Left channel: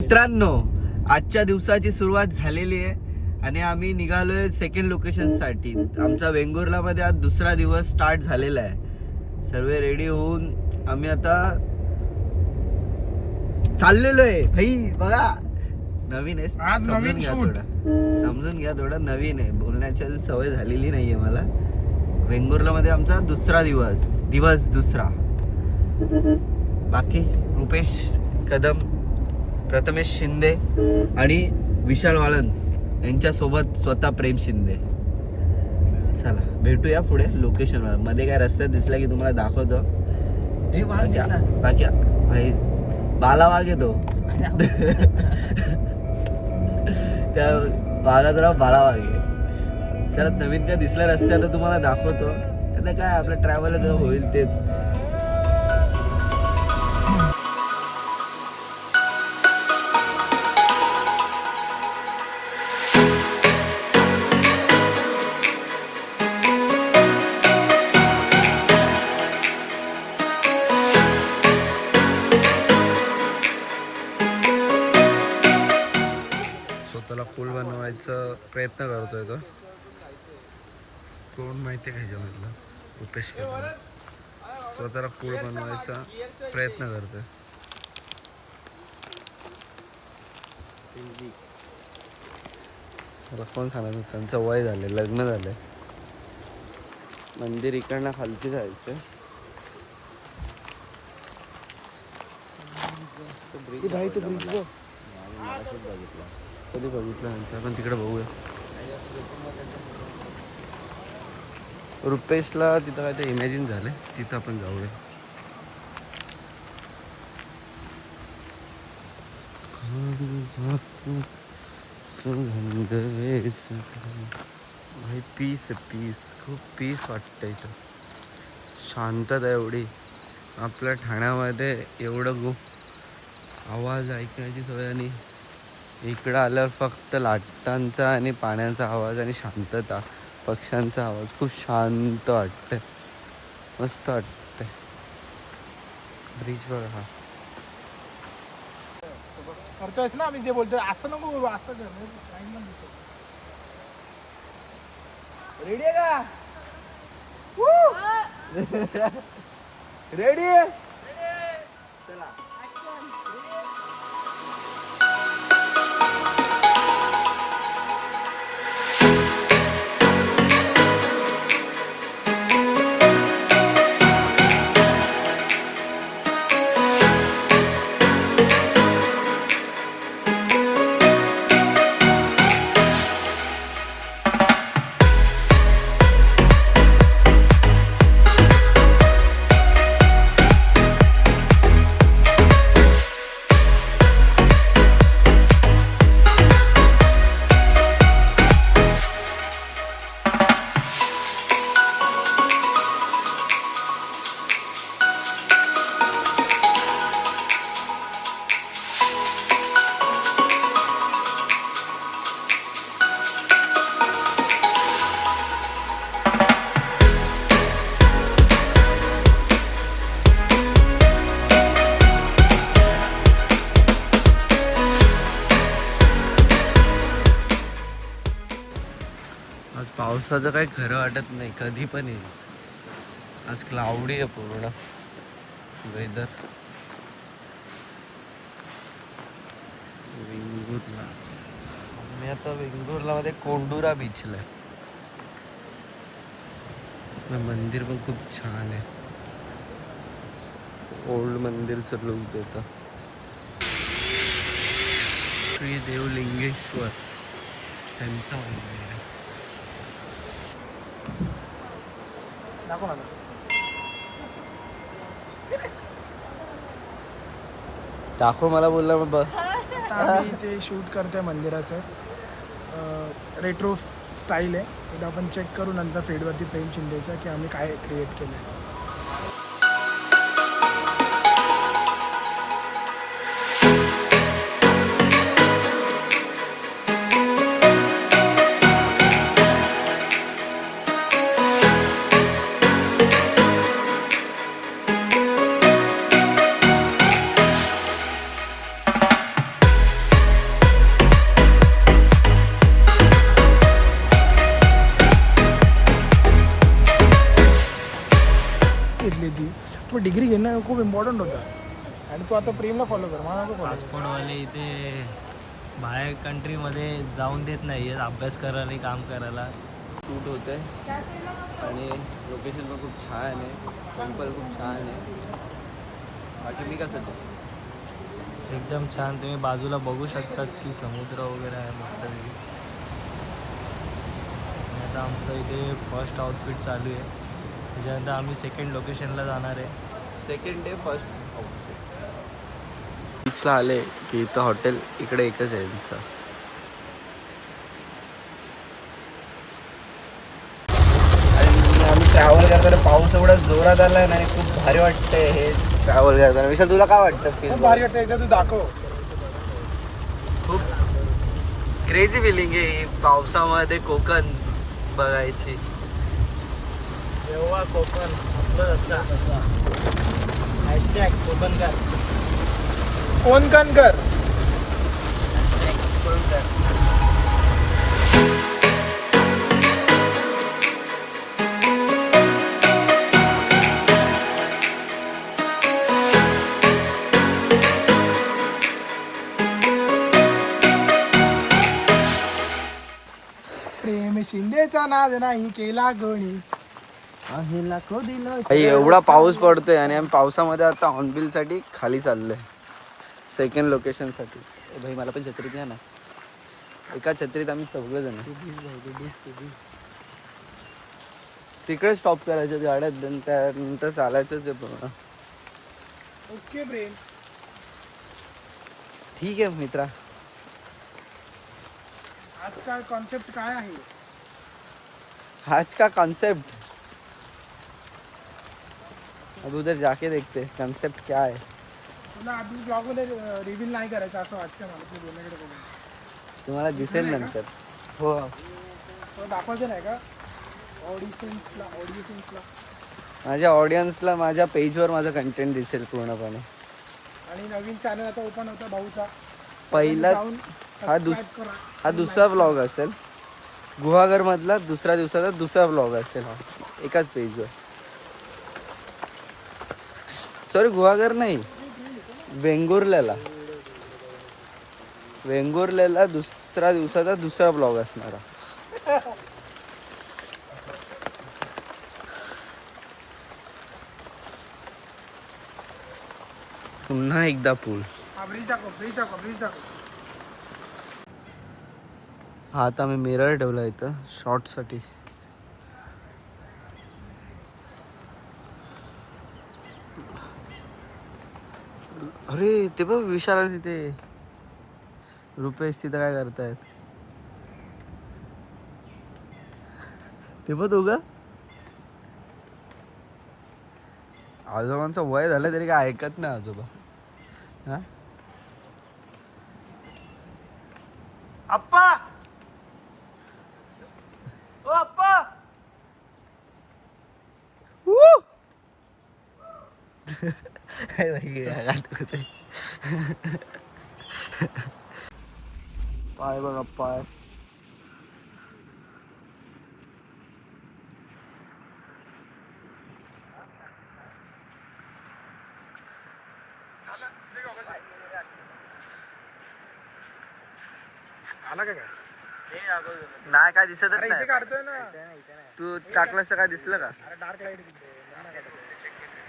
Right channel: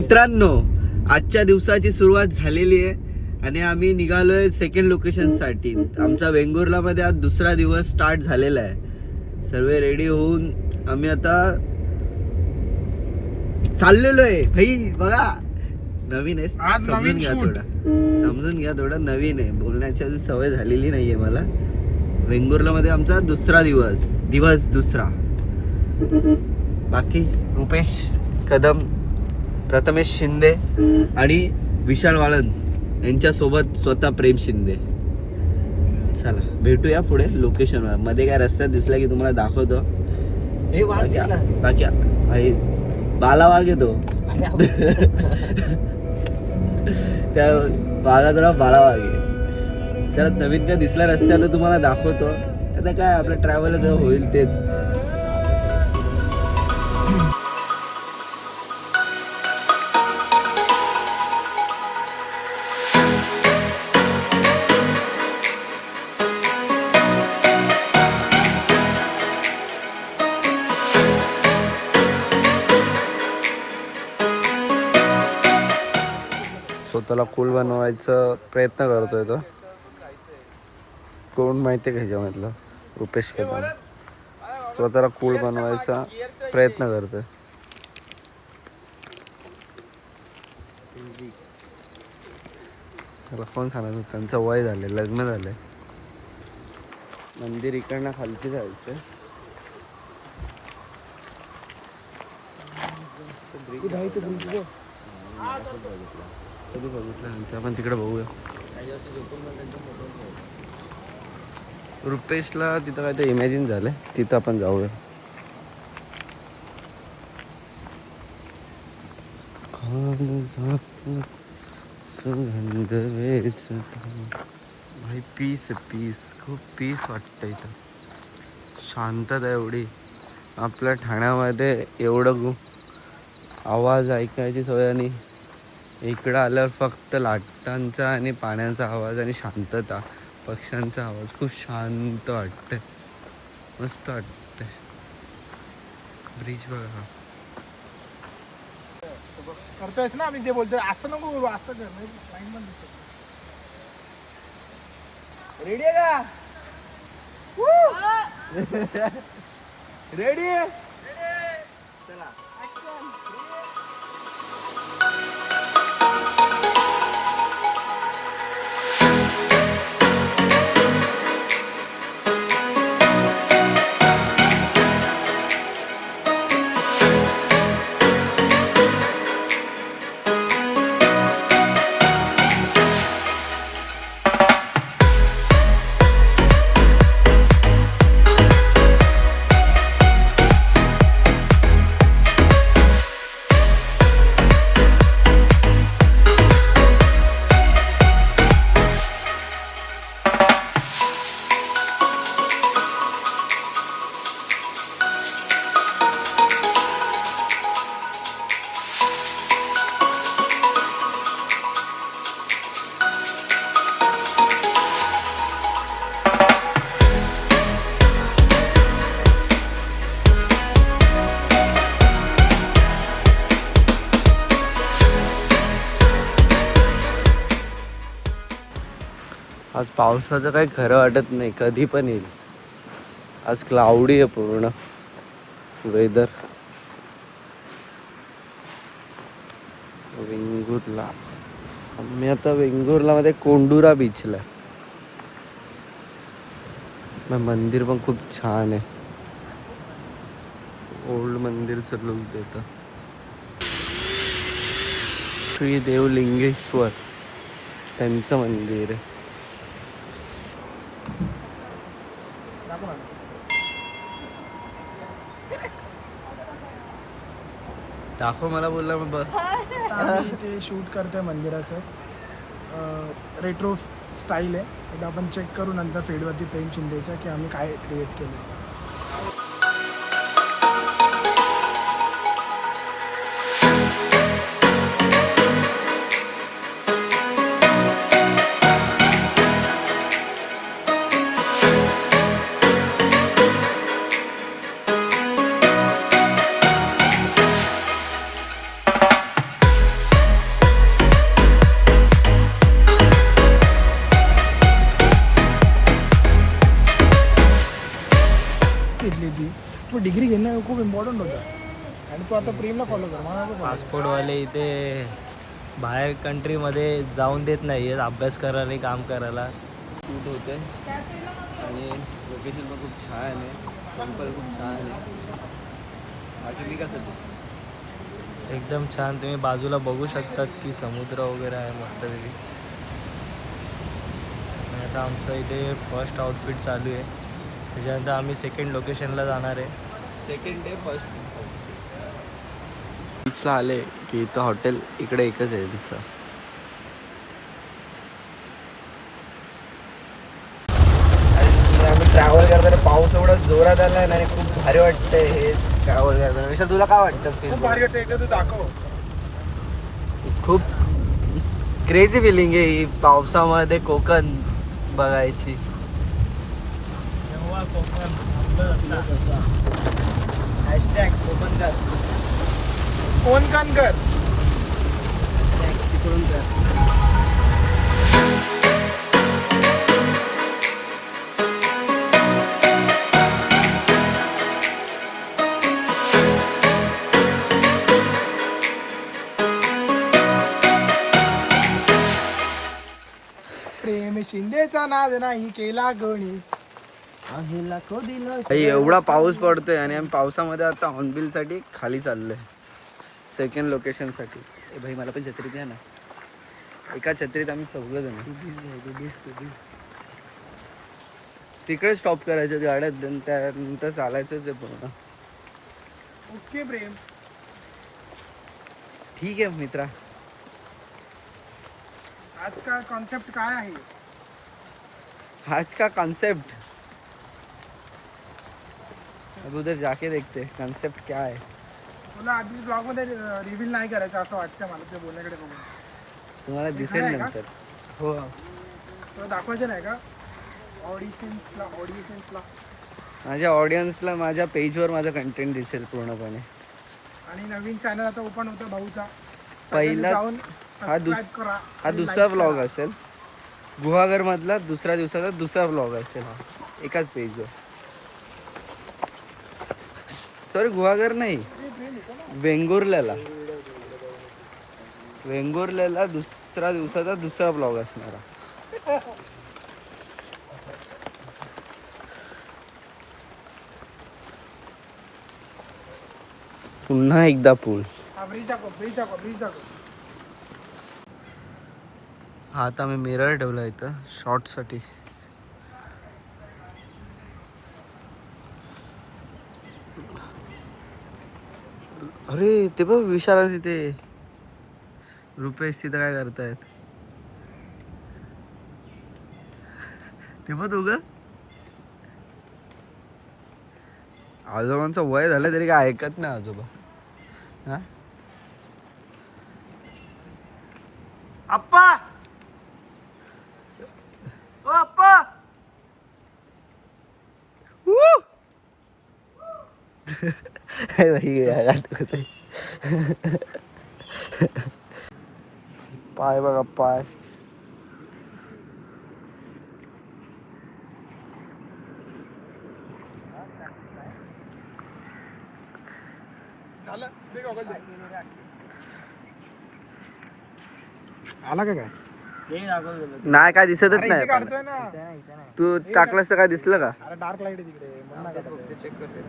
मित्रांनो, आजच्या दिवसाची सुरुवात झालेली आहे आणि आम्ही निघालोय सेकंड लोकेशन साठी. आमचा वेंगुर्ला मध्ये आज दुसरा दिवस स्टार्ट झालेला आहे. सर्व रेडी होऊन आम्ही आता चाललेलो आहे. भाई बघा, नवीन आहे, समजून घ्या थोडं नवीन आहे. बोलण्याची अजून सवय झालेली नाहीये मला. वेंगुर्ला मध्ये आमचा दुसरा दिवस दुसरा. बाकी रुपेश कदम, प्रथमेश शिंदे आणि विशाल वाळंज यांच्या सोबत स्वतः प्रेम शिंदे. चला भेटूया पुढे लोकेशन मध्ये. काय रस्त्यात दिसला की तुम्हाला दाखवतो. हे वाघ दिसला, बाकी बाला वाघ येतो त्या वाघाचं नाव बाला वाघ आहे. चला, नवीन काय दिसला रस्त्यात तुम्हाला दाखवतो. आता काय आपलं ट्रॅव्हल होईल तेच. स्वतःला कूल बनवायचा प्रयत्न करतोय तो. कोण माहिती आहे का ह्याच्यामधलं? रुपेश कदम स्वतःला कूल बनवायचा प्रयत्न करतोय. त्याला कोण सांगायचं, त्यांचं वय झाले, लग्न झालंय. मंदिर इकडनं खालती जायचं. कधी बघितलं आपण तिकडे बघूया. रुपेशला तिथं काय ते इमॅजिन झालंय, तिथं आपण जाऊया. भाई पीस खूप पीस वाटतं इथं. शांतता एवढी. आपल्या ठाण्यामध्ये एवढं आवाज ऐकायची सवय आणि इकडं आल्यावर फक्त लाटांचा आणि पाण्याचा आवाज आणि शांतता, पक्ष्यांचा आवाज. खूप शांत वाटतंय, मस्त वाटतंय. ब्रिज बघा हा. करतोयस ना आम्ही जे बोलतोय, असं नको बोलू, असं कर. रेडी आहे का? रेडी. आज पावसाचं काही खरं वाटत नाही, कधी पण येईल. आज क्लाउडी आहे पूर्ण वेदर. वेंगुर्ला, मी आता वेंगुर्ला मध्ये कोंडुरा बीचला आहे. मंदिर पण खूप छान आहे. ओल्ड मंदिरचं लुक देतं. श्री देवलिंगेश्वर त्यांचं मंदिर आहे. दाखव मला, बोलला मग बघ. आम्ही ते शूट करतोय मंदिराचं. रेट्रो स्टाईल आहे. एकदा आपण चेक करू नंतर फेडवरती प्रेम शिंदेच्या की आम्ही काय क्रिएट केलं आहे. तू डिग्री घेणं खूप इम्पॉर्टंट होतं आणि तू आता प्रेमला फॉलो कर मला नको follow करू. पासपोर्टवाले इथे बाहेर कंट्रीमध्ये जाऊन देत नाही अभ्यास करायला काम करायला. शूट होते आणि लोकेशन पण खूप छान आहे, टेम्पल खूप छान आहे. बाकी मी कसं दिसतो? एकदम छान. तुम्ही बाजूला बघू शकतात की समुद्र वगैरे आहे मस्तपैकी. आणि आता आमचं इथे फर्स्ट आउटफिट चालू आहे. त्याच्यानंतर आम्ही सेकंड लोकेशनला जाणार आहे. सेकंड डे फर्स्ट बीचला आले की इथं हॉटेल इकडे एकच आहे तुमचं. आम्ही ट्रॅव्हल करताना पाऊस एवढा जोरात आलाय ना, खूप भारी वाटतंय हे ट्रॅव्हल करताना. विशाल तुला काय वाटतं? खूप भारी वाटतं, एकदा तू दाखव. खूप क्रेझी फिलिंग आहे ही पावसामध्ये कोकण बघायची. तेव्हा कोकण हॅशटॅग कोकणकर, कोकणकर. हॅशटॅग चिपळूणकर. प्रेम शिंदेचा नाद नाही केला गोणी. भाई एवढा पाऊस पडतोय आणि आम्ही पावसामध्ये आता हॉर्नबिल साठी खाली चाललोय सेकंड लोकेशन साठी. भाई मला पण छत्री द्या ना. एका छत्रीत आम्ही सगळेजण तिकडे स्टॉप करायचे गाड्यात, त्यानंतर चालायचंच आहे पूर्ण. ओके प्रेम. ठीक आहे मित्रा. आज का कॉन्सेप्ट काय आहे? आज का कॉन्सेप्ट अब उधर जाके देखते कॉन्सेप्ट क्या है. तुला आधीच ब्लॉग मध्ये रिव्हील नाही करायचं असं वाटतं मला तुझ्या बोलण्याकडे बघून. तुम्हाला दिसेल खरं आहे का? नंतर. हो तुला दाखवायचं नाही का ऑडिशन्सला माझ्या ऑडियन्सला माझ्या पेजवर माझा कंटेंट दिसेल पूर्णपणे. आणि नवीन चॅनल आता ओपन होता भाऊचा. पहिला जाऊन हा सबस्क्राईब करा. हा दुसरा व्लॉग असेल. गुहागर मधला दुसऱ्या दिवसाचा दुसरा व्लॉग असेल हा एकाच पेजवर. सॉरी गुहागर नाही, वेंगुर्ल्याला दुसऱ्या दिवसाचा दुसरा व्लॉग असणार. पुन्हा एकदा पूल. ब्रिज दाखव. हा आता मी मिरर ठेवला इथं शॉर्टसाठी. अरे ते बघ विशाल तिथे रुपेश तिथं काय करतायत ते बघ. दोघं आजोबांचं वय झालं तरी काय ऐकत नाही आजोबा. हा अप्पा, ओ अप्पा. पाय बघा पाय. आला का काय? नाही काय दिसतच अरे इथे नाही. काढतोय ना. तू टाकलंस तर काय दिसलं का? अरे डार्क लाईट तिकडे.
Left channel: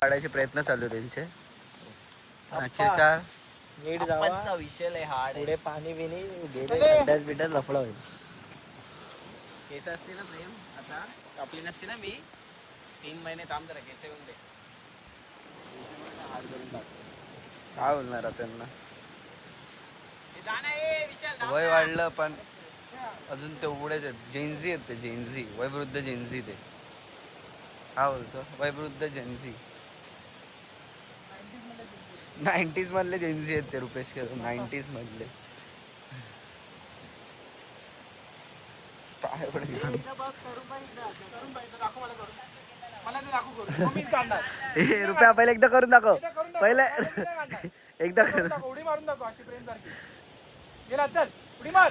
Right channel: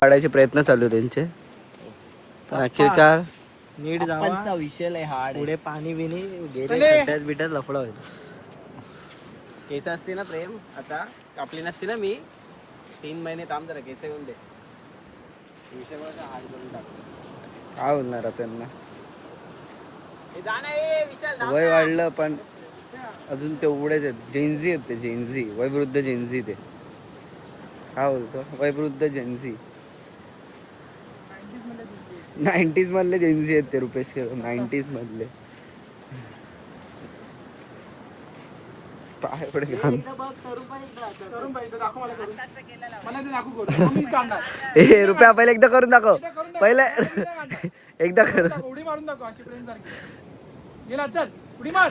काढायचे प्रयत्न चालू आहे त्यांचे पण अखेरकार नीट जावा. विषय लय हार्ड. पुढे पाणी बिनी गेले चले. खड्ड्यात बिड्यात लफडं होईल. केस असते ना प्रेम, आता कापली नसती ना मी. 3 महिने थांब जरा, केस येऊन दे. हात घेऊन टाकतो. काय बोलणार आता त्यांना. हे जा ना, ए, विशाल, थांब वय ना. वाढलं पण अजून तेवढेच आहेत. जेनझी आहेत ते. जेनझी वयवृद्ध जेनझी. ते काय बोलतो वयवृद्ध जेनझी. 90s मधले जेनझी आहेत ते. रुपेश 90s मधले. पाय एवढे घाण. करून पाहिजे दाखव मला करून. मला ते दाखव करून. मी काढणार. ए रुपया पहिले एकदा करून दाखव. पहिले एकदा कर. उडी मारून दाखव अशी प्रेम सारखी. गेला चल उडी मार.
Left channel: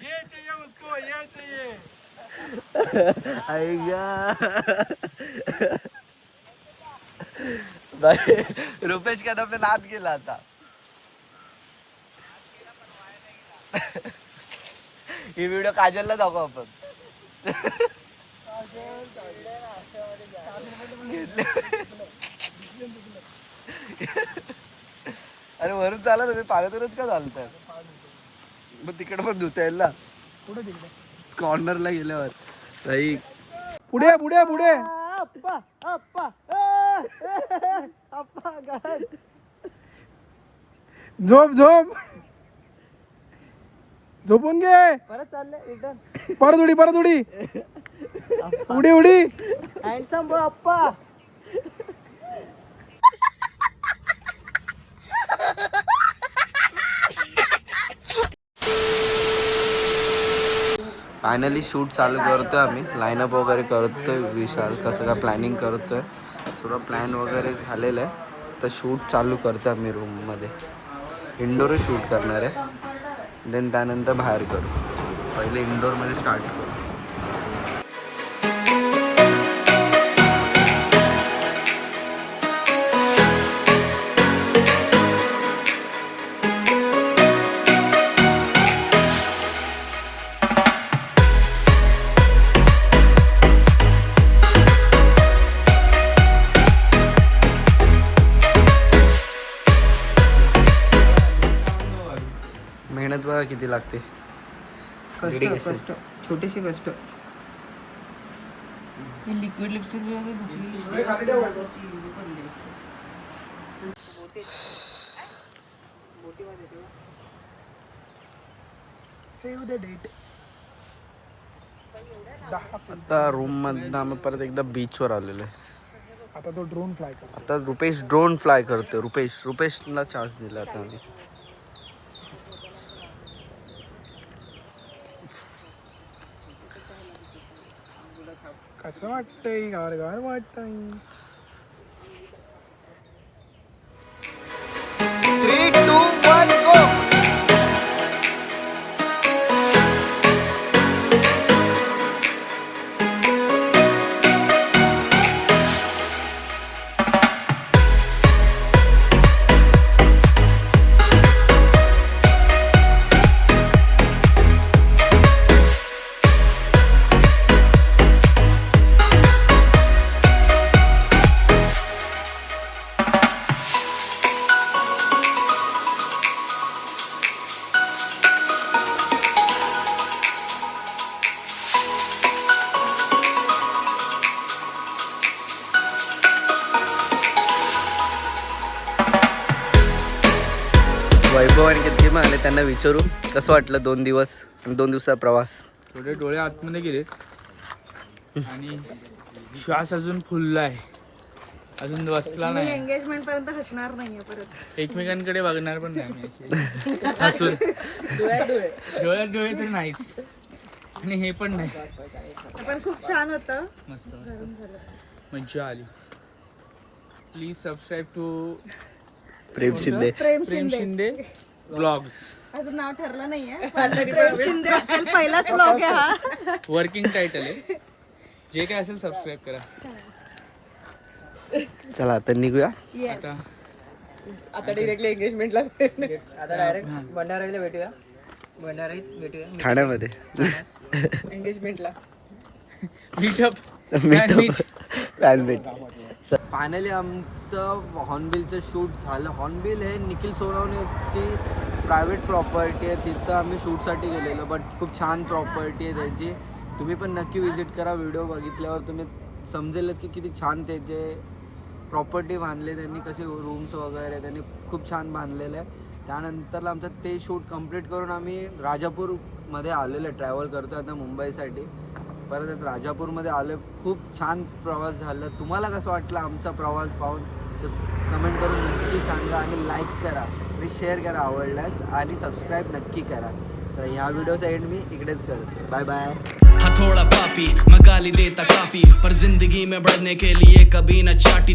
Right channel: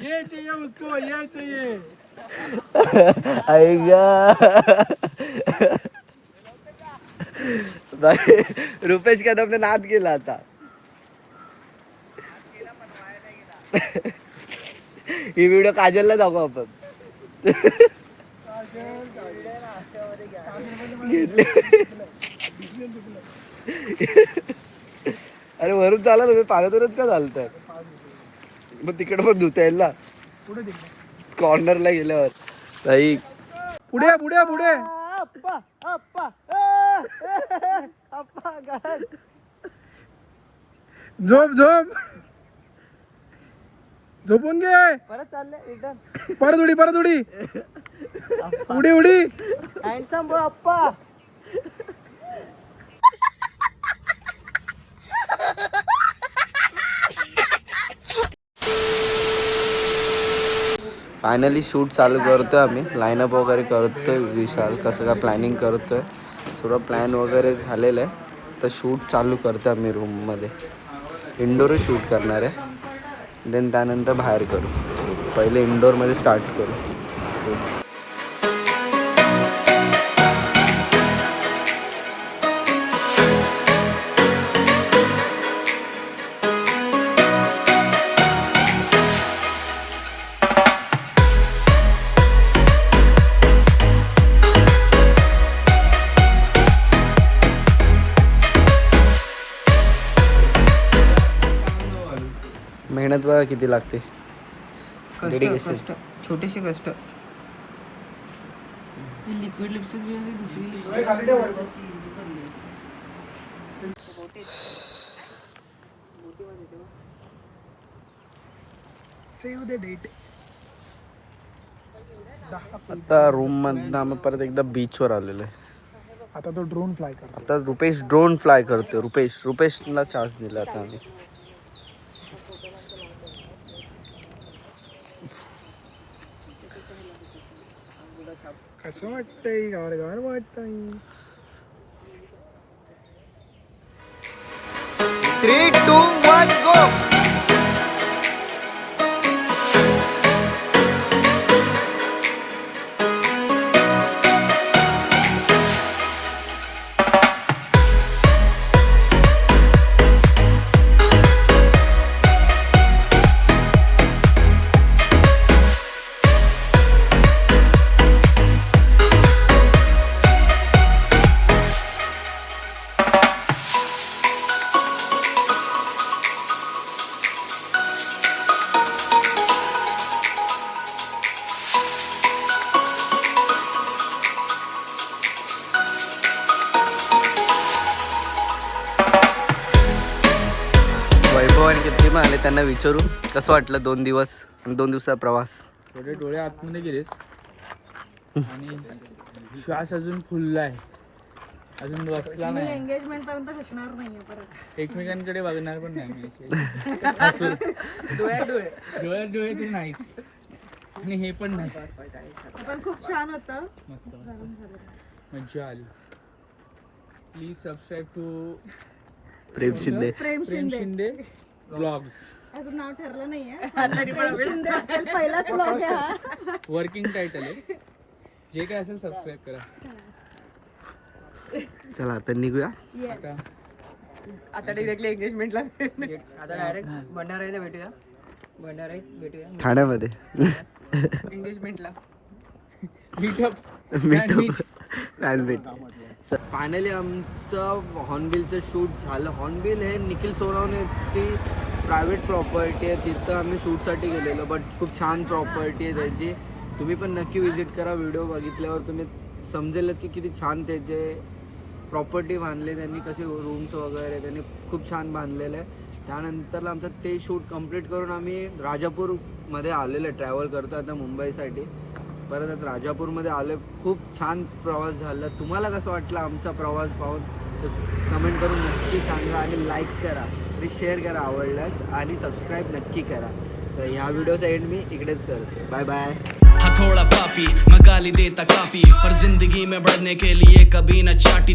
ये चाहिए उसको, ये चाहिए. रुपेश कदमने नाद केला आता. ही व्हिडिओ काजलला दाखवू आपण. अरे वरून चाला तुम्ही पाण्यातूनच का चालतात. मग तिकडे पण धुता येईल ना कॉर्नरला गेल्यावर. ताई पुढे पुढे पुढे अप्पा अप्पा अप्पा गळ्यात. झोप झोप झोपून घे. परत चाललंय रिटर्न. परत उडी उडी उडी. हँडसम बॉय अप्पा. फायनली शूट चालू करतोय आम्ही. लाईनअप वगैरे करतोय. विशाल कसं काय प्लॅनिंग करतोय. सर्व प्लॅन वगैरे झालेलं आहे. तर शूट चालू करतोय आम्ही रूममध्ये. इंडोरच शूट करणार आहे. देन त्यानंतर बाहेर करू. पहिले इंडोरमध्ये स्टार्ट करू शूट. मेहनत बघा किती लागते. कष्ट छोटीशी कष्ट. लिक्विड लिपस्टिक जी आहे दुसरी लिपस्टिक. Save the date. आता रूम मधनं आम्ही परत एकदा बीचवर आलेलो आहे. आता तो ड्रोन फ्लाय कर. आता रुपेश ड्रोन फ्लाय करतोय. रुपेशला चान्स दिला आता आम्ही. कसं वाटतंय गार वाटतंय. 3, 2, 1 गो. वैभव आणि किती पण आले. त्यांना विचारू कसं वाटलं 2 दिवस आणि 2 दिवसाचा प्रवास. थोडे डोळे आतमध्ये गेलेत आणि श्वास अजून फुलला आहे. अजून बसला नाही. एंगेजमेंट पर्यंत हसणार नाहीये परत. एकमेकांकडे बघणार पण नाही आम्ही असे. हसून डोळ्यात डोळे तर नाहीच आणि हे पण नाही. पण खूप छान होतं. मस्त मस्त मज्जा आली. Please subscribe to Prem Shinde. Prem Prem Shinde. Shinde blogs. अजून नाव ठरलं नाहीये. प्रेम शिंदे असेल. पहिलाच ब्लॉग आहे हा. वर्किंग टायटल आहे. जे काय असेल सबस्क्राईब करा. चला आता निघूया. येस. आता डिरेक्टली एंगेजमेंटला. आता डायरेक्ट भंडाराईला भेटूया. भंडाराईत भेटूया ठाण्यामध्ये एंगेजमेंटला. मीटअप. फायनली आमचं हॉर्नबिलचं शूट झालं. हॉर्नबिल हे निखिल सोनवणेची प्रायव्हेट प्रॉपर्टी आहे. तिथं आम्ही शूटसाठी गेलेलो. बट खूप छान प्रॉपर्टी आहे त्याची. तुम्ही पण नक्की विजिट करा. व्हिडिओ बघितल्यावर तुम्ही समजेलच की किती छान त्याचे प्रॉपर्टी बांधले त्यांनी. कसे रूम्स वगैरे त्यांनी खूप छान बांधलेलं आहे. त्यानंतरला आमचं ते शूट कंप्लीट करून आम्ही राजापूरमध्ये आलेलो आहे. ट्रॅव्हल करतो आता मुंबईसाठी. परत आता राजापूरमध्ये आलो. खूप छान प्रवास झाला. तुम्हाला कसं वाटलं आमचा प्रवास पाहून तर कमेंट करून नक्की सांगा आणि लाईक करा आणि शेअर करा आवडल्यास आणि सबस्क्राईब नक्की करा. तर ह्या व्हिडिओचा एंड मी इकडेच करतो. Bye bye. हाँ थोड़ा पापी मैं गाली देता काफी पर जिंदगी में बढ़ने के लिए कभी न चाटी